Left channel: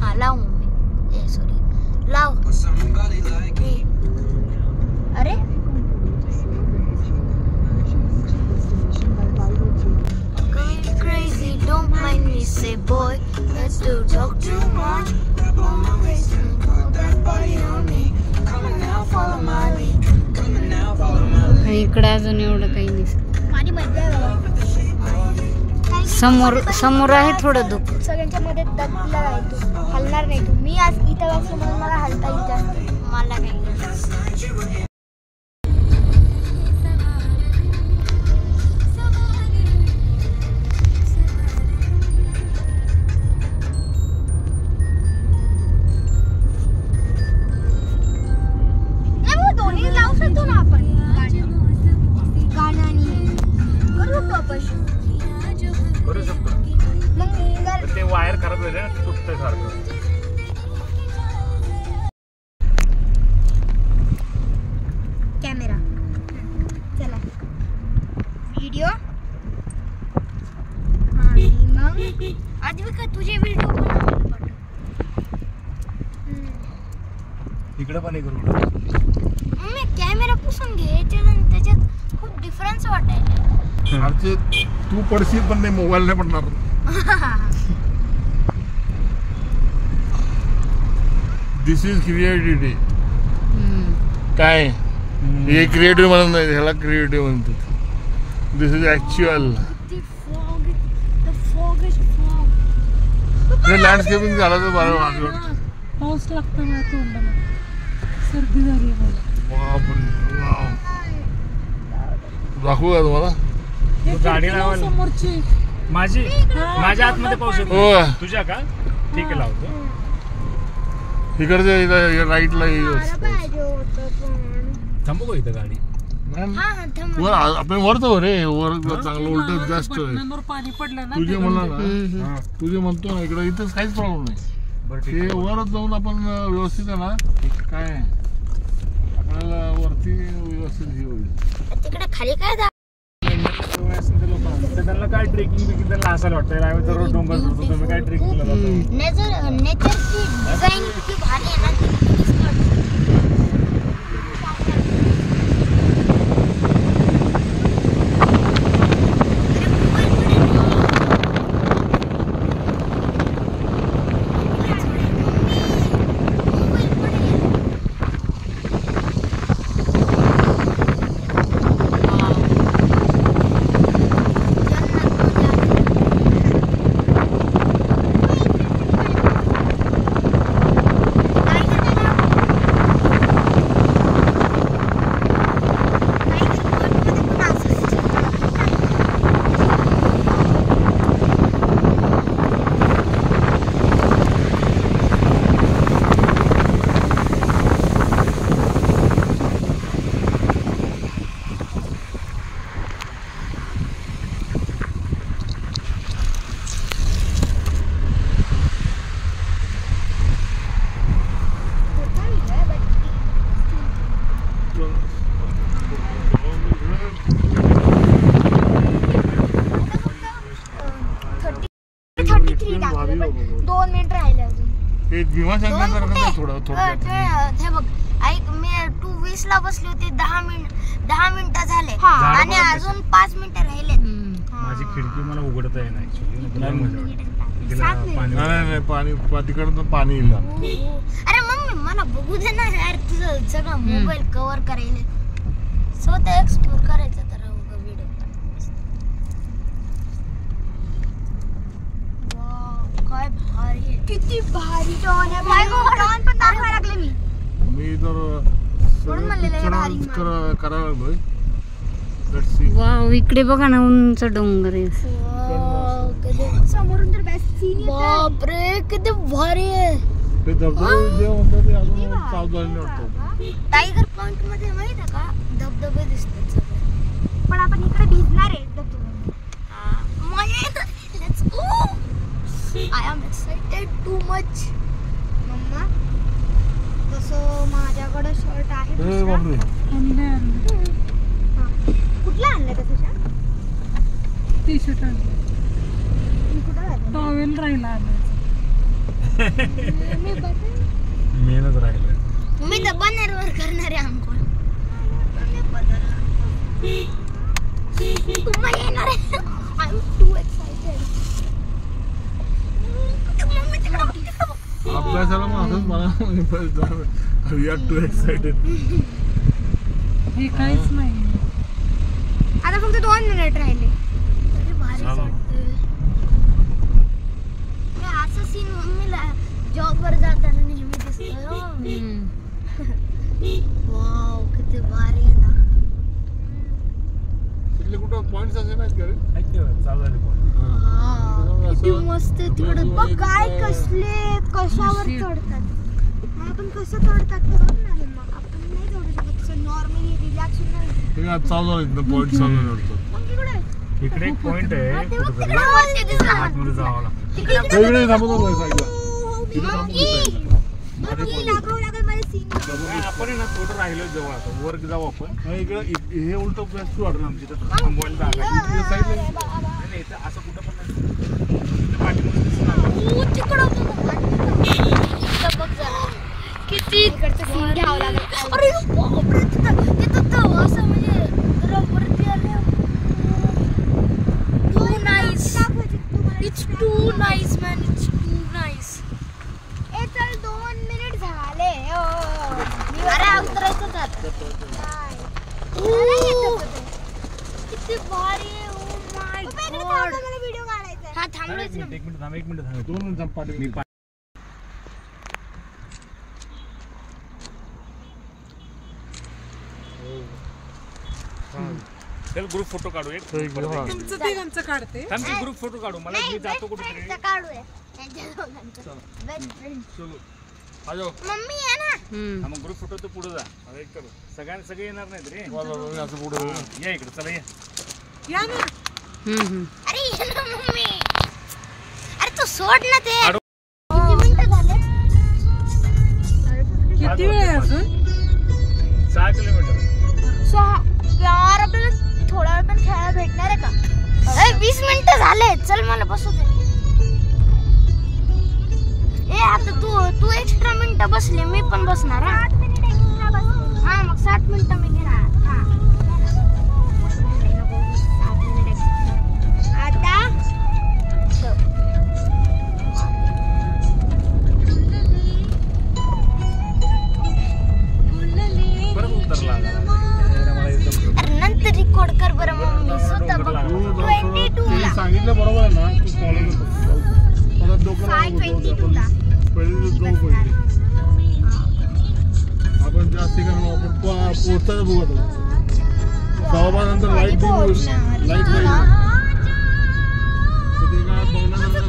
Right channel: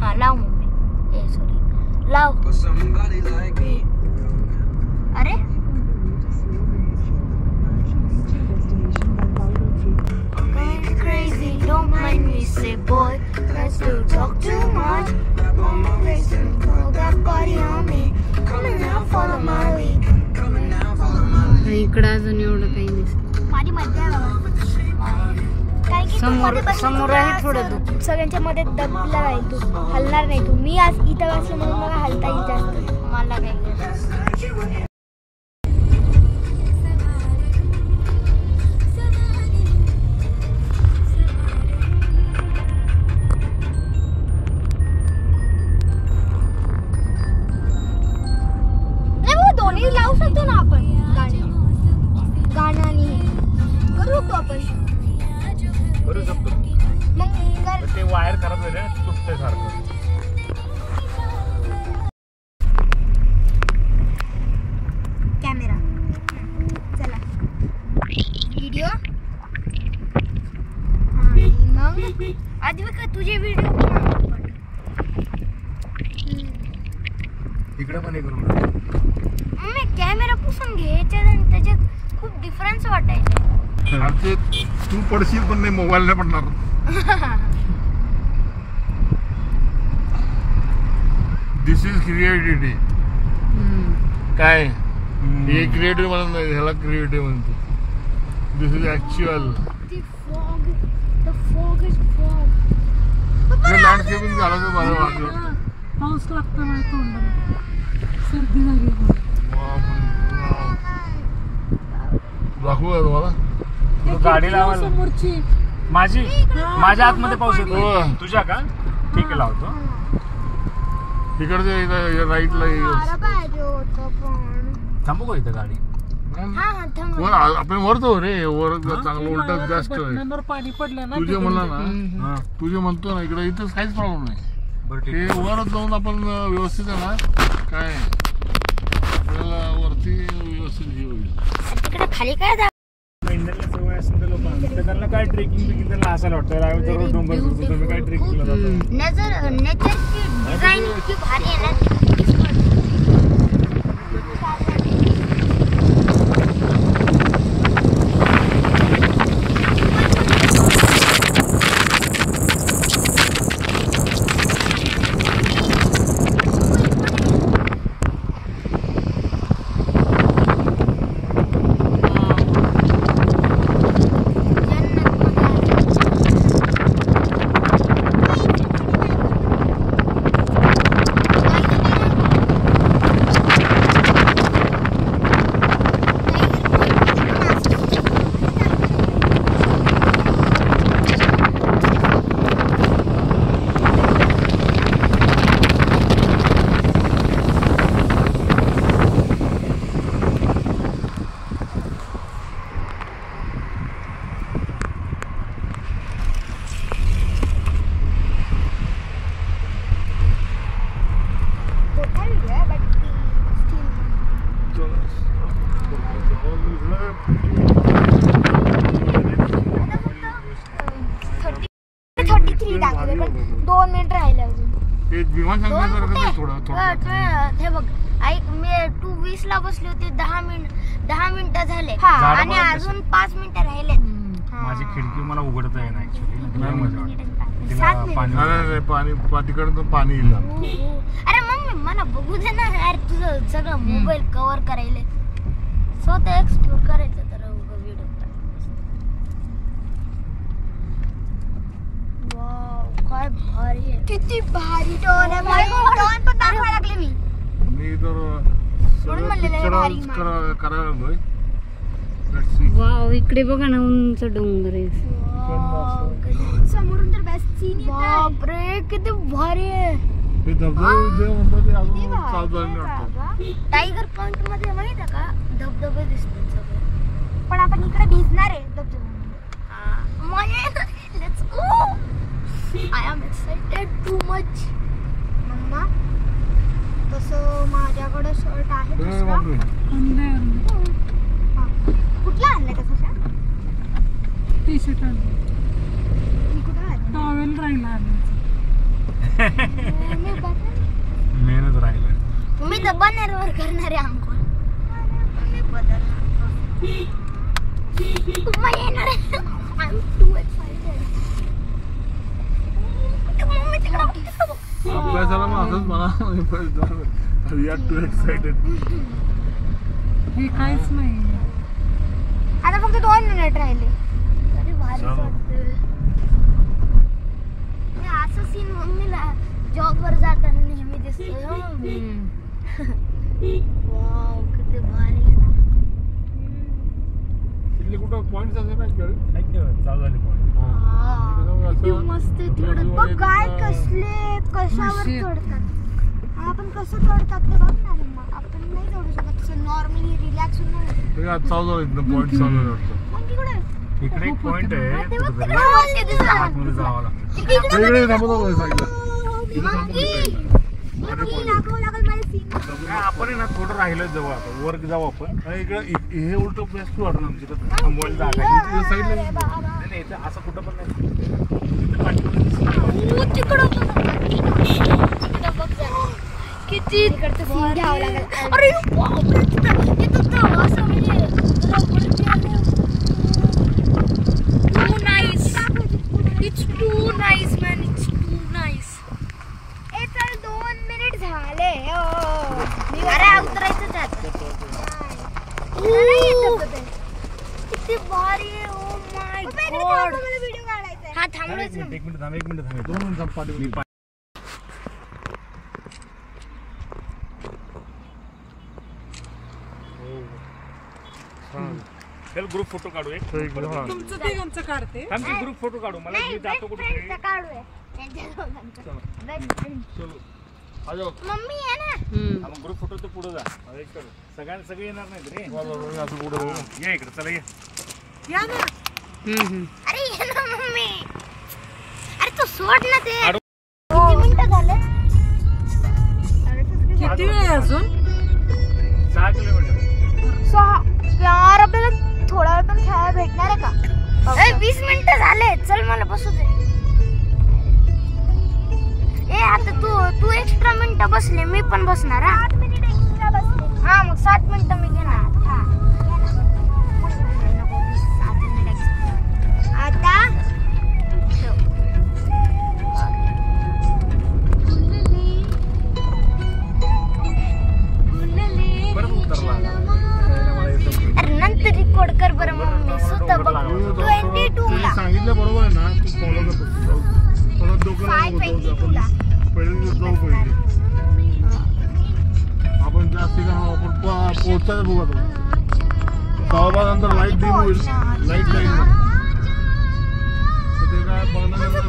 हाँ लाव mummy sorry लाव अरे crazy don't mind me say boy let's do talk too much on my waist that body on me come now follow my lead come now follow my lead इकडे अजून एवढं काही नाही माझी मध्य समोर आहे थोडं दुःख सगळ्यांच्या मध्ये दबलेला आहे तू हलणार नाही तू मी आज इथं बसले म्हणून मला हलता येईल जास्त मला काही दोन्ही लावू शकतो ना आपण गाण्याने करू शकतो आपण करू शकतो मग ते वायर खराब झाले ना तुटतंय सारखं कॅमेरा चला व्हिडिओ आणि मग आधी बघ तुझे व्हिडिओ इकडे पण हे करू मी कॅमेरा पुसून घे त्याच्यात खूप डिफरन्स वाटायला आमचे तू पडशील पण नाही मोबाईल नाही पडणार दिस इज क्रिएटिव्हिटी काय हे क्रिएटिव्ह म्हणत नाही ह्याला क्रिएटिव्ह म्हणतात दिस इज ऍक्च्युअल हे लँडस्केपिंग झालं तर मला वाटलं पाऊस लागतो मला तोंडाला सर्दी झाली दाखवू का तुम्हाला गाडी लावायला समोरची माझ्या आतमध्ये पाऊस येतो तुझ्या का ठीक आहे लावतो इकडच्या राईटला थांबू का इथं गाडी आपण वरतो रे वर चांगलं उलट जास्त पाणी पडलं ना तुझे म्हणला ना तुझे म्हणतो ना इकडे इथं काहीच प्रॉब्लेम नाही ते वरच जाऊन आपण व्यवस्थित आहे ना काय आपल्याला वरती व्यवस्थित हे होईल खाली काय त्यांना काय ट्रेकिंग बिकिंग त्यांना असायला वाटतं डोंगर तुम्ही काय ट्रेकिंगला जातो नेचरची डिझाईन इतकी भारी आहे ना हे बघ ऐक मी 2:20 ला बसली होती 10 मिनिटं झाले आणि अजून 5 मिनिटं राहिले माझी खिडकी मला उघडता येणार तिकडं पाणी येईल अरे मम्मी मला बघू दे ना यार तुझं सगळं मोबाईल कव्हर करायला स्वतः एक्सप्लोर करायचं तर व्हिडिओ काय भारी आहे किती भारी टॉन आहे टॉन पण टाकायला लागले मी तर करायला वाव इकडे बघा ना उंच डोंगर आहे समोरून तर बेस्ट सीन येतो बापरे किती भारी आहे हे धबधबे जे म्हणतात ते अजून चालू झाले वाटतात टायगर पॉइंट मध्ये माहिती आहे का धबधबे दिसतात सगळे पण आपण इकडे भिजणार आहे धबधबे let's go I am excited too much मम्मा तसं माझ्याकडे शर्ट आहे दुसरा कुठला आणलाय तसं शर्ट टी शर्ट मी कुठं आणलं टॉवेल राहिला आणायचं मेहनत राहिलं. मी तर बनेरवर करणारे अंघोळ. तुम्हा येणार आहे. I'm too excited. मम्मी तिकडं बघ. अभ्यासाला मग असंच मला वी आर टू एक्साइटेड. हे काहीच नाही. आता फक्त 2 मिनिट राहिले. तरी भारी वाटतं. असं सीन मम्मीला जॉबवर जाताना नेहमी दिसतं. वाव किती भारी आहे ना. तिथले कुठं पॉइंट्स असे नाहीत का रे? चालू झाली point. किती मस्त चढत बघ काय कसले कशावर चढतात. आपण कसं चढतात ते बघ ना मम्मा. आपण नाही चढू शकत. नॉर्मली रिलॅक्स होऊन नाही. ते काय चालू झाले पॉइंट चालू झाले वाटतं. मग तिकडे इकडे एक पॉइंट आहे ते बघ कुठेतरी. तिकडे वरती दिसतं. आतमध्ये जावं लागतं. तिकडे इकडे थांबत होतो साईडला. तिथे थांबत होतो. लागावं लागेल मला सीन. नाही, आपण आहे ना थोडं राहिलं जवळ आता वर जाऊ आपण. नाही, इकडे हे उलट बेस्ट वाटलं आमची तर. थांबवायला जागा आहे. साईडला नाही नाही इथं असं कुठं पण नाही. तिकडं बघ जरा. किती इकडचं सीन घ्यावं लागेल. अरे बापरे, तिथं असं म्हणजे रबरची आले. Too nice. It's too nice man. It's too nice. ए चल 2 मिनिट झाले. अरे उतरायचं त्यात. किती भारी आहे. Oh my God. मला व्हिडिओ काढायचा आहे. हा थांबलोच ना. एक मिनिट थांब 2 मिनिट थांब पाठी. चल ग्रुप फोटो काढू एक. तुमचं ते आमचं काढते. थांब की ग्रुप फोटो काढू. मला मी जातो कुठे काढूया त्यांच्या दोघांचं. चलो आ जाओ. मम्मी आहे ना. मग ग्रुप फोटो तर पुढे जा. एक करू. सगळे येणार नाहीत रे. बरं असं पुढे या इकडे चला ये. या ना. अरे ये ना मम्मी. अरे तू सोड ना ते. अरे. किती मिनिटं झाले? किती वेळ आहे अजून? 6 किलोमीटर. 6. यार आपल्याला थोडा वेळ पण खेळायला भेटणार आहे का? 20 मिनिटं झाले. चल मला बसू दे. ए आता तू एक्स्ट्रा मिनिटं बसले मी पण बसणार. हा 8 मिनिटं एक्स्ट्रा बस. हा मग 7 मिनिटं मी घेणार. आता परत उतरला. मला एकदम अरे नंतर रेकॉर्ड कर बरं मम्मी. सुद्धा बघ. 22 ला. सांगितलं बरोबर आहे ना. तू फॉलो करतो. परत डोकं पहिले जाऊ पहिले. आपण जास्त ठिकाणी आपण पोहोचायला बघू आता. 6:15 नंतर लाईट डिम होईल. लाईट नाही तर ते काय बघण्याचं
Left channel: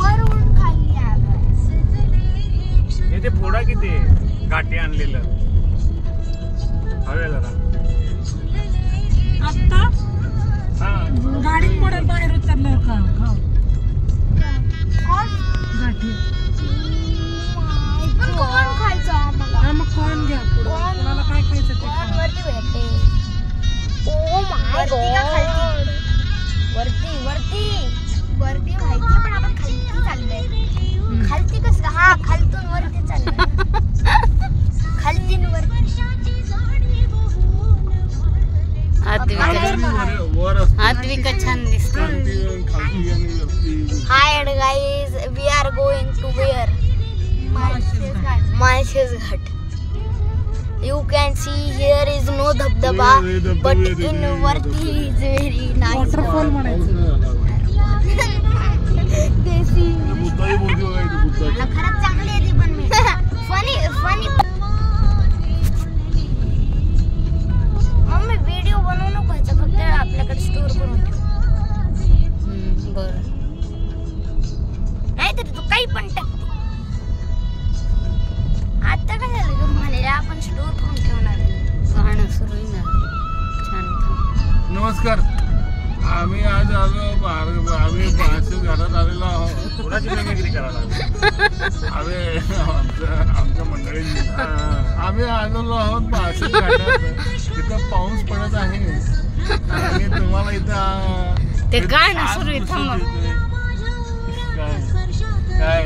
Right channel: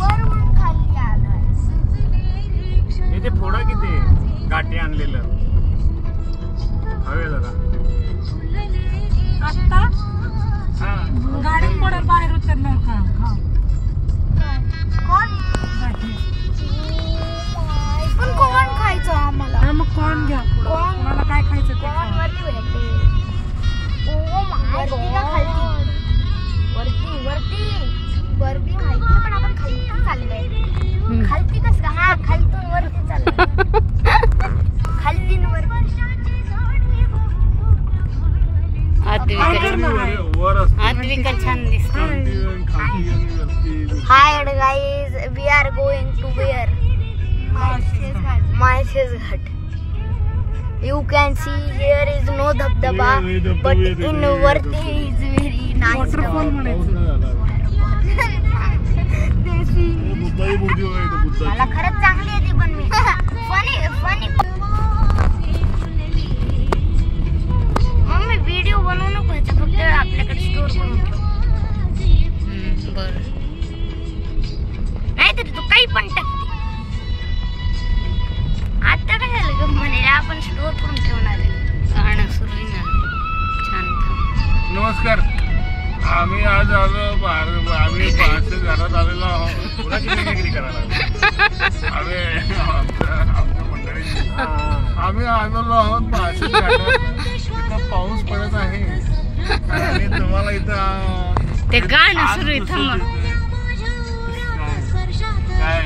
वरून खाली आला. हे ते फोडा किती गाठी आणलेलं. हवे जरा. आता हा गाडीत पडत बाहेर उतरले का? हा कोण? गाठी. पण कोण खायचं आम्हाला? हा, मग कॉर्न घ्या पुढं. कॉर्न? तुम्हाला काय खायचं ते खा. कोण वरती भेटते? Oh my God. वरती माहितीये पण आपण खालती चाललोय. खालती कसं का? हा खालतून वरती चाललोय. खालतीन वरती. आद्विका छान दिसते. Hi guys, we are going to where? Mahesh Ghat. You can see here is no dhabdaba, but in Varti is very nice. Waterfall म्हणायचं. मला खरंच चांगली येते पण फनी मम्मी व्हिडिओ बनवू नको ह्याचा फक्त आपल्याकडे स्टोर करून ठेव. बरं. नाहीतरी तू काही पण टाकते. आता काय झालं ग म्हणे आपण स्टोर करून ठेवणार आहे. गाणं सुरू आहे ना. छान थांब. नमस्कार. आम्ही आज आलो आम्ही पाचशे घरात आलेलो आहोत. कोणाची मेहनत करायला आम्ही आमच्या मंडळी आम्ही आलेलो आहोत पाचशे घाटात. इथं पाऊस पडत आहे आणि तुम्हाला इथं ते गाणं सुरू आहे. थांबा. काय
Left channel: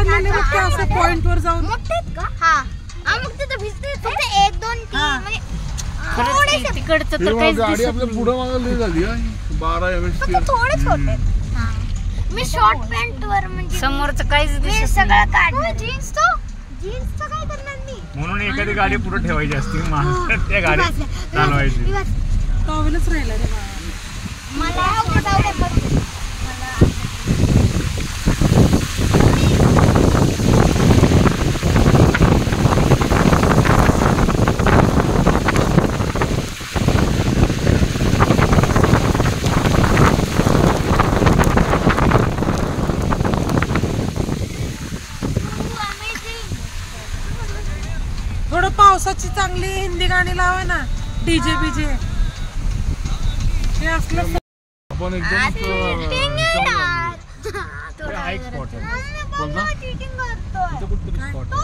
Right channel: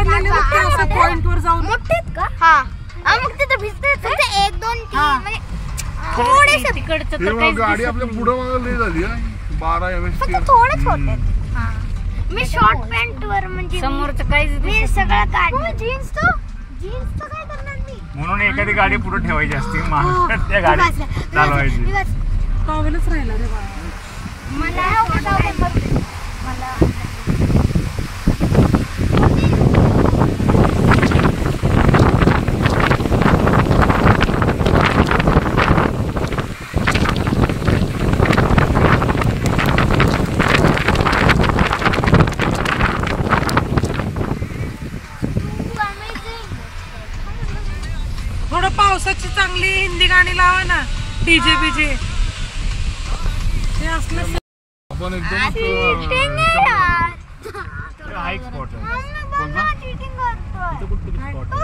काढलेले बघ त्या असं पॉइंट वर जाऊन. मोठेत का? हा मग तिथं भिजते फक्त 1 2 3 म्हणजे खरंच तिकडचं तर काहीच गाडी दिसत आपल्या पुढं मागं लई झाली आहे 12 एमएच थोडेच होते. हा मी शॉर्ट पॅन्ट वर म्हणजे समोरचं काहीच मी दिसत सगळं काढलं. जीन्स काय करणार मी? म्हणून एखादी गाडी पुढे ठेवायची असते माणसात त्या गाडी चालवायची. टॉवेलच राहिला रे बाळा. मला जाऊ दे मग मला थोडं पावसाची चांगली हिंदी गाणी लावा ना. डीजे बीजे हे असलं आपण एकदम हा एक स्पॉट आहे. कोणता? इथं कुठतरी स्पॉट आहे.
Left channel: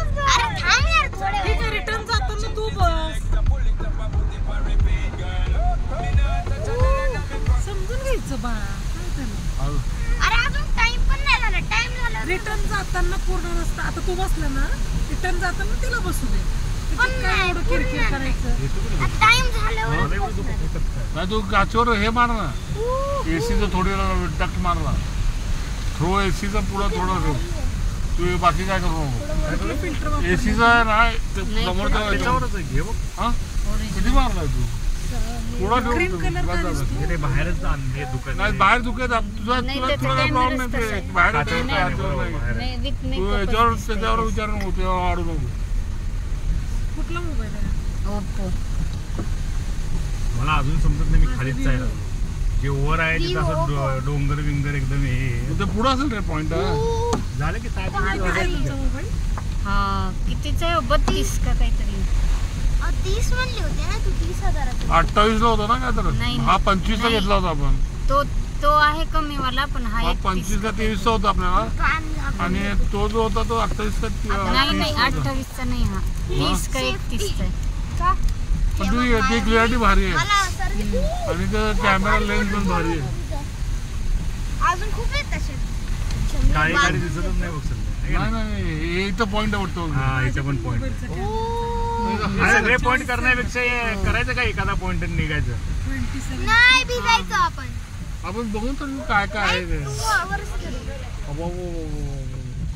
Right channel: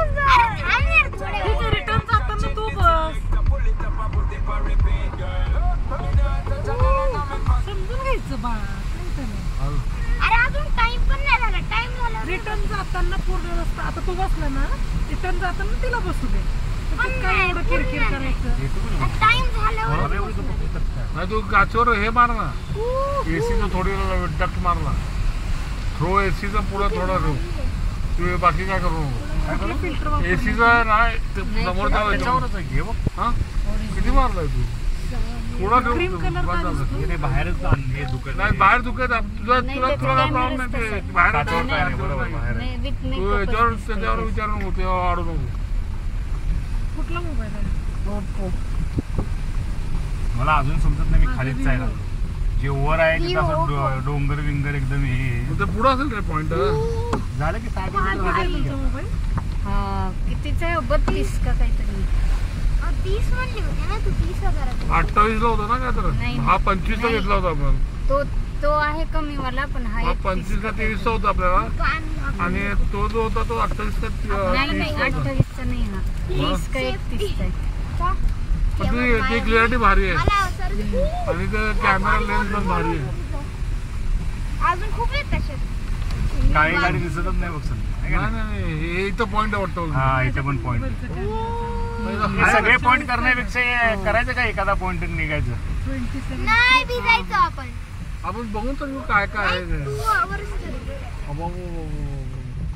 ठीक आहे. रिटर्न जाताना तू बस समजून घ्यायचं बाळा. अरे अजून टाइम पण नाही झाला. टाइम झाला. रिटर्न जाताना पूर्ण रस्ता आता तू बसला ना. रिटर्न जाताना तिला बसू दे. त्याच्यात काय एवढं किरकिर करायचं. टाइम झाल्यावर नाही तू गाचीवर हे मार ना. एसीचं थोडी डक मारला. थ्रो एसीचा पुढं थोडा ठेव. तू बाकी काय करू नको. फिल्टर वापर. एसीचा नाही समोर त्याच्यावरच आहे. घे बघ. हा किती मारलाय तू थोडा क्रीम ठेव. कलर का दिसतो. हे बाहेरच हे दुकान नाही बाहेर दुखत तुझा नाही, तुला त्याचं थोडा कॅमेराच प्रॉब्लेम तसं आहे. आहे. बाहेर काचेवर काय नाही, बरोबर बाहेर आहे. नाही विथ तू मेकअप त्याच्यावर विचार नको तेव्हा वाढू नको. कुठला मोबाईल आहे. ओप्पो. मला अजून समजत नाही. मी खालीच आहे ना. जे वर आहे तिथं असं डोंगर विंगर एकदम हे मग ते पुढं असेल रे पॉइंट झालं की काय आहे तुमचा मोबाईल. हा कितीचा आहे 32 का काहीतरी. 30 म्हणली होती ना तू. 30,000 28 ला होता ना काय तर नाही. हा 25 ला घेतला होता आपण. तो आहे कमी वाला पण हा हा 31 25 का 23 चा होता आपल्याला. आणि तो जो होता तो 28 का 30 नाही चा होता. 28 चा नाही हा 30 का 31 चा आहे. पण ती क्लिअरिटी भारी आहे मला सर्व आणि ते कॅमेरा लेन्स पण भारी आहे. अजून खूप आहेत तसे. काही गाडी दिसतच नाही बघ सध्या. नाही नाही हे इथं पॉइंट वाटतो. हा इथे पण पॉइंट. हे सगळे पॉइंट करण्यापेक्षा हे करायचं का एखादा पॉइंट निघायचं. 27. नाही भिजायचं आपण. आपण बघू तर काय काय आहे ते. तू आवरच कर.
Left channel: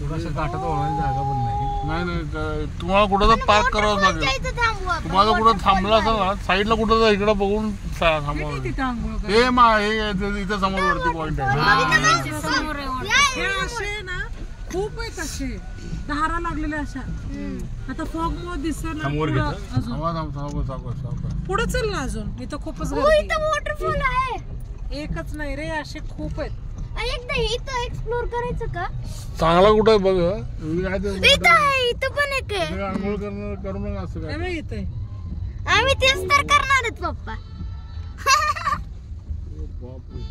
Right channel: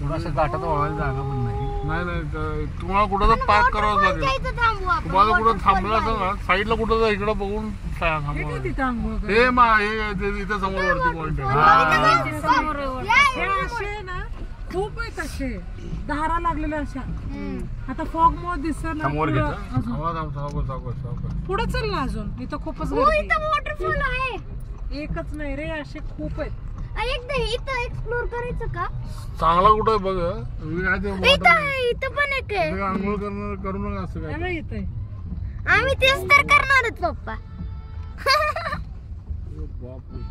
थोडासा घाटात वळायला जागा पण नाही. नाही नाही तुम्हाला कुठं तर पार्क करावं लागेल. जायचं थांबू आपण. तुम्हाला कुठं थांबलं असेल ना साईडला कुठं तर इकडं बघून थांबवा. तिथं आंघोळ कर. हे इथे समोर वरती पॉइंट आहे. हा, समोर आहे वाटतं. हे असे ना खूप आहेत असे धारा लागलेल्या अशा. आता फॉग मुळे दिसत समोर पुढं घेतो. अजून थांबा, थांबा, थांबा, थांबा, थांबा. पुढे चल ना अजून. इथं खूपच हो, गर्दी इथं वॉटरफॉल आहे. आहे. एकच नाही रे असे खूप आहेत. एकदा इथं एक्सप्लोर करायचं का? चांगला कुठं आहे बघ. मी काय ते इथं आहे. इथं पण एक आहे. तुम्ही आंघोळ करू नका असं हे काय. बघ इथे आम्ही तेच तर करणार आहोत पप्पा. बापरे.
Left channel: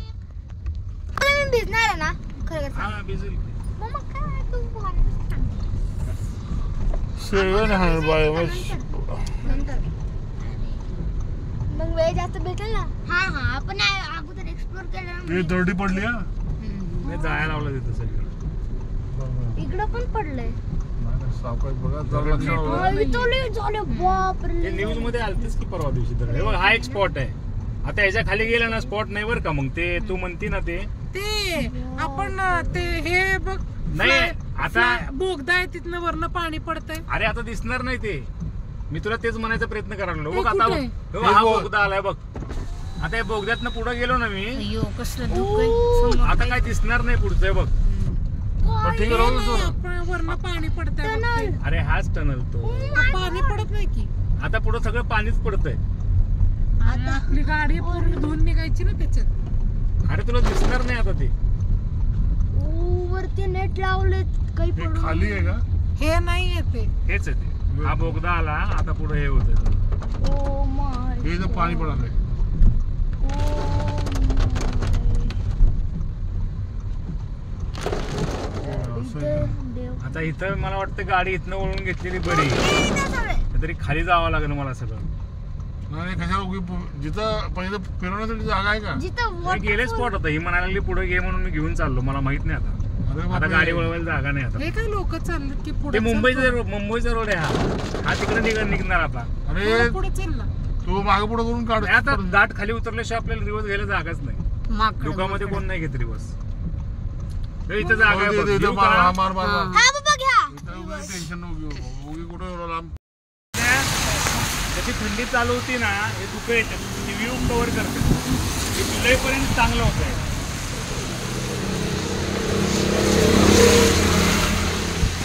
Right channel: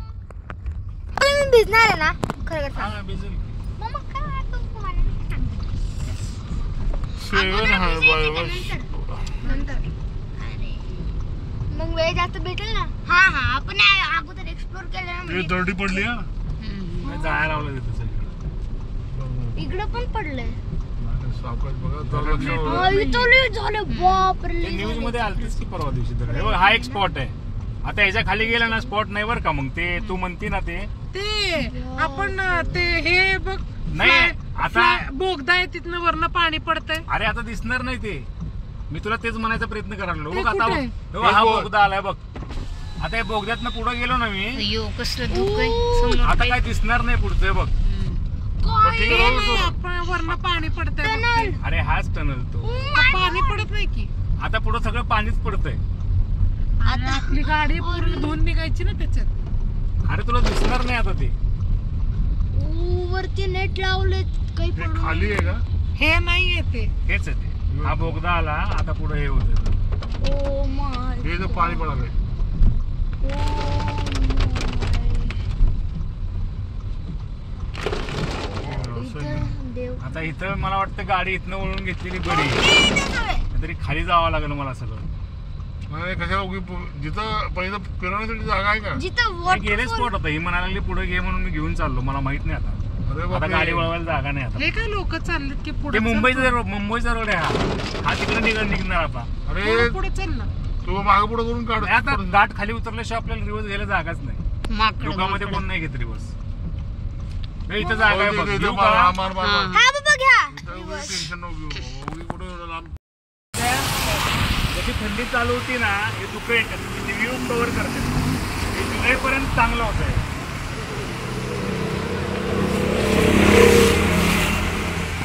तुम्ही भिजणार आहे ना खरं. हा भिजेल. मग काय तू शेवण आहे बाय नंतर मग वेळ जास्त भेटेल ना. हा हा आपण अगोदर एक्सप्लोर केलं ती दर्डी पडली हा. नाही जायला लावलं तिथं सगळं. इकडं पण पडलंय. सावकाश बघा जरा इथं लय झालं बापरे. ते न्यूज मध्ये आलतेच की परवा दिवशी तर. हे बघ, हा एक स्पॉट आहे. आता याच्या खाली गेला ना स्पॉट नाही बरं का. मग ते तू म्हणती ना ते आपण ते हे बघ नाही आता. बोगदा आहे तिथनं वरनं पाणी पडतंय. अरे आता दिसणार नाही ते. मी तुला तेच म्हणायचा प्रयत्न करायला लागलो. बघ ते आता कुठे? बघ. हा बोगदा आलाय बघ. आता या बोगद्यातनं पुढे गेलो ना मी. अय्यो कसलं धुक आहे समोर. आता काय दिसणार नाही पुढचं बघ. ते नाही आपण वरनं पाणी पडतंय बघ ते. अरे हाच टनल तो. पाणी पडत नाही की. आता पुढे सगळं पाणीच पडतंय. आता आपली गाडी पूर्ण धुवून निघायची ना त्याच्यात. अरे तुला दिसणार नाही आता ते. वरती नेट लावले काही हे खाली आहे का. हे नाही येते. हेच आहे ते. हा बोगदा आला आता पुढे हे होत. Oh my. हे इथं पाणी पडायला देव. आता इथं मला वाटतं गाडी इथनं वळून घेतलेली बरी. तरी खाली जावं लागेल मला सगळं. नाही कशा जिथं पहिलं फिरवण्यासाठी जागा आहे का. जिथं हे गेले स्पॉट होता. ही म्हणायला लागली पुढे घे म्हणून मी घेऊन चाललो. मला माहित नाही आता. आता गाडी वळवायला जागा नाही आता. हे काय लोक चाललेत की ते पुढे मुंबईचा रोड आहे हा तिकडे निघणार आता. अरे पुढे चल ना. तू मागे पुढे करून काढ. आता घाट खाली उतरल्याशिवाय आपल्याला रिवर्स घ्यायला जागाच नाही. लोकांमध्ये कोण नाही घेत रिवर्स. इथं जागा आहे बघ. घेऊ का? हा बाबा घ्या. टेन्शन नको घेऊ. कुठे एवढं लांब. जशी थंडी चालू होती ना हे धुकं येतात व्ह्यू कव्हर करते. हे जुलैपर्यंत चांगलं होत आहे.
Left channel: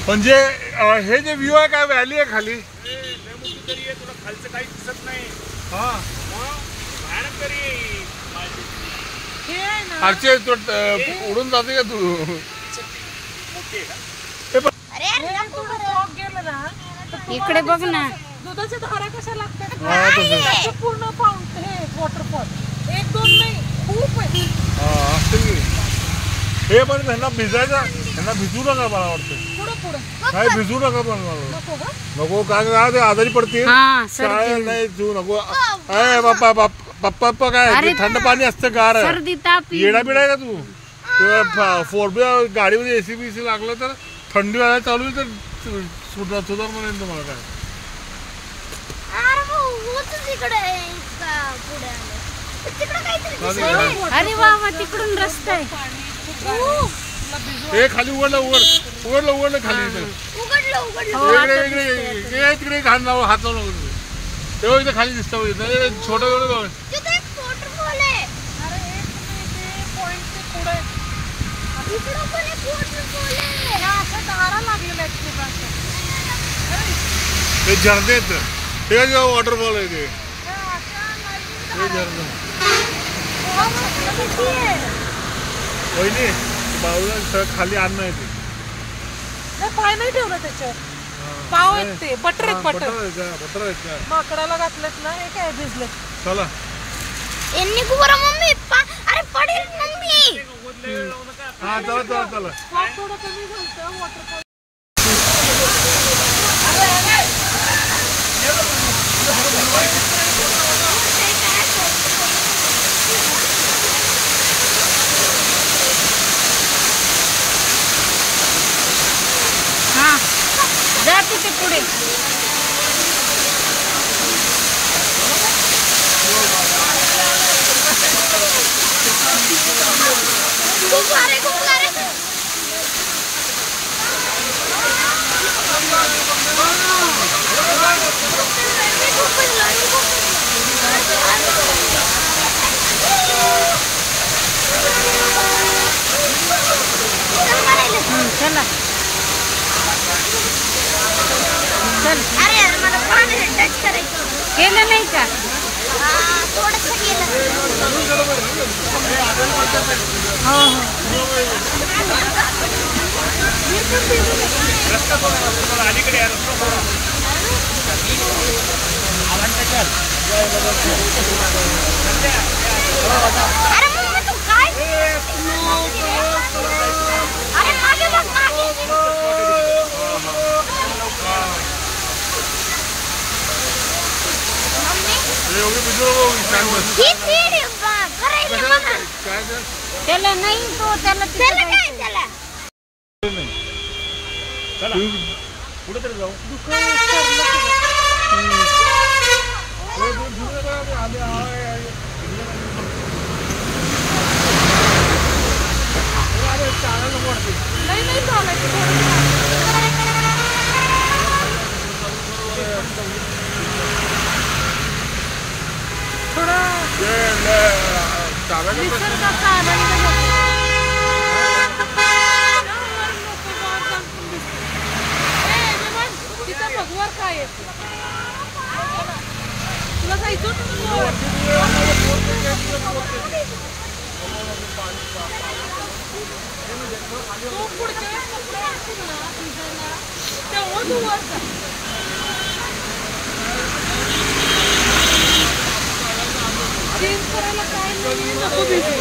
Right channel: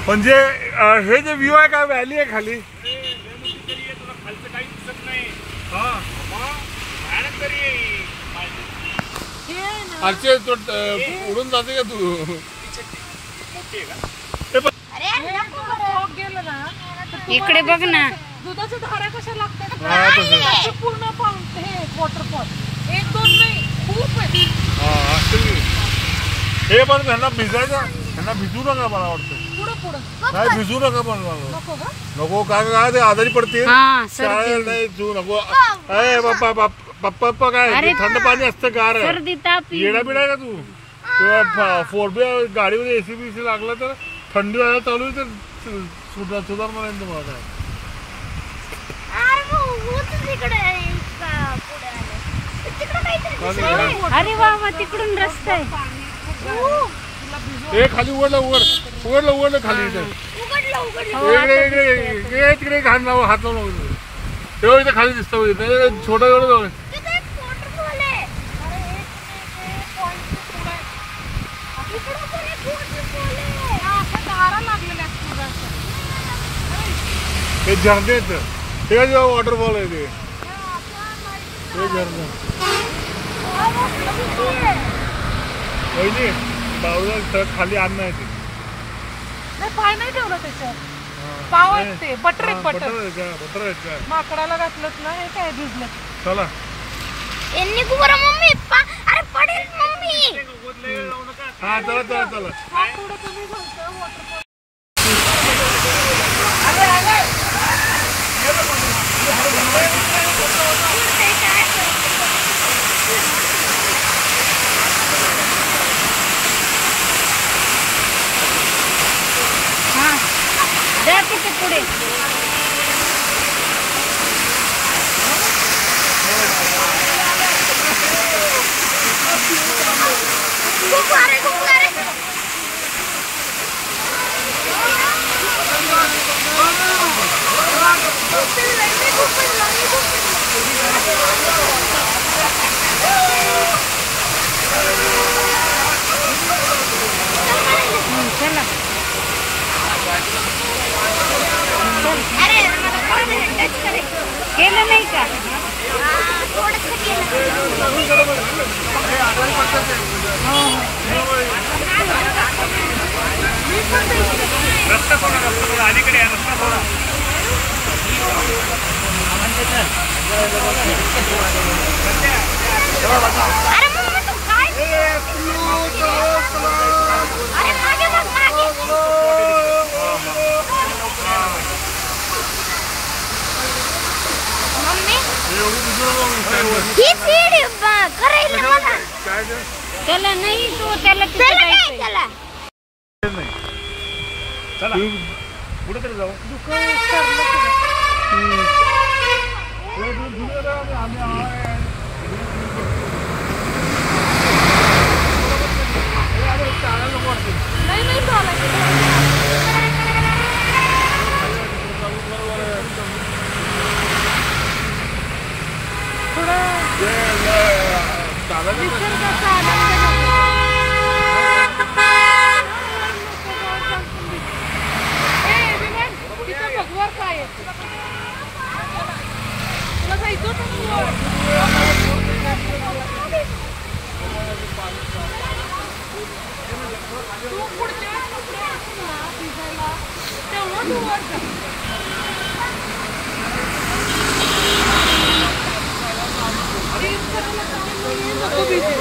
म्हणजे हे जे व्ह्यू आहे का व्हॅली आहे खाली. तुला खालचं काही दिसत नाही. हा भयानक तरी हे आहे ना. खालचे उडून जाते का तू. अरे हे थोडं फॉग गेलं ना तर इकडे बघ ना. दुधाच्या धारा कशा लागतात ना, हा, तसं. त्याचे पूर्ण पाऊंड हे वॉटरफॉल 1-2 नाही खूप आहे. हे पण त्यांना भिजायचं. त्यांना भिजू नका मला वाटतं. पुढे नाही भिजू नका पण नको का. नको का ते आजारी पडतील. हा काय नाही भिजू नको. अरे बाप्पा पप्पा काय थंड पाणी असतं गार. सर्दी ताप येडा बिडा आहे का तू. किंवा 4B गाडीमध्ये AC बीसी लागलं तर थंडी वाजायला चालू तर सुधार म्हणेन तुम्हाला काय. अरे होत तिकडे का पुढे आलं. तिकडे काहीतरी चालेल. दिसतंय. अरे वा तिकडून रस्ता आहे. हे खाली उघडलं खाली इथं. उघडलं हो, आता इकडे दिसतंय आता. तिकडे हात लावून तेव्हा इथं खाली दिसतं छोटं जवळ. तिथे एक वॉटरफॉल आहे. अरे हे पॉइंट पुढे इकडे पण एक वॉटरफॉल आहे. या अशा धारा लागलेल्या आहेत पूर्ण अशा. ते झरणे आहेत. ते वॉटरफॉल आहे ते झरणं. हा वॉटर किती आहे. पहिली बाजूला खाली अन्न आहे ते. नाही पाय नाही ठेवलं त्याच्यावर. पाव आहेत ते बटर आहेत बटर बटर. आहेत का. माकडाला घातलेत ना हे काय भिजले. चला यांनी बरं मम्मी अरे पडेल मम्मी. हा चला थोडं तुम्ही सांगता वॉटरफॉल. हा जा तिथे पुढे. खूप सारे चला चल. अरे मला पाणी टच करायचं. केलं नाही का. थोडंसं केलं. हो अलीकडे रस्ता अरे मम्मी तू काय अरे मागे बघ मागे. ही सीड करायचं मला. त्याला नाही तो त्याला तिथे त्याला काय जायचंय. त्याला. चला पुढे तरी जाऊ. नाही चालायचं थोडं निसर्गाचा आनंद घेतो. तिथं भगवान काय आहे तुला जायचं होतं तू पुढच्या भिजायला तेव्हा तू वर जा. करायला काय नाही नको भिजू.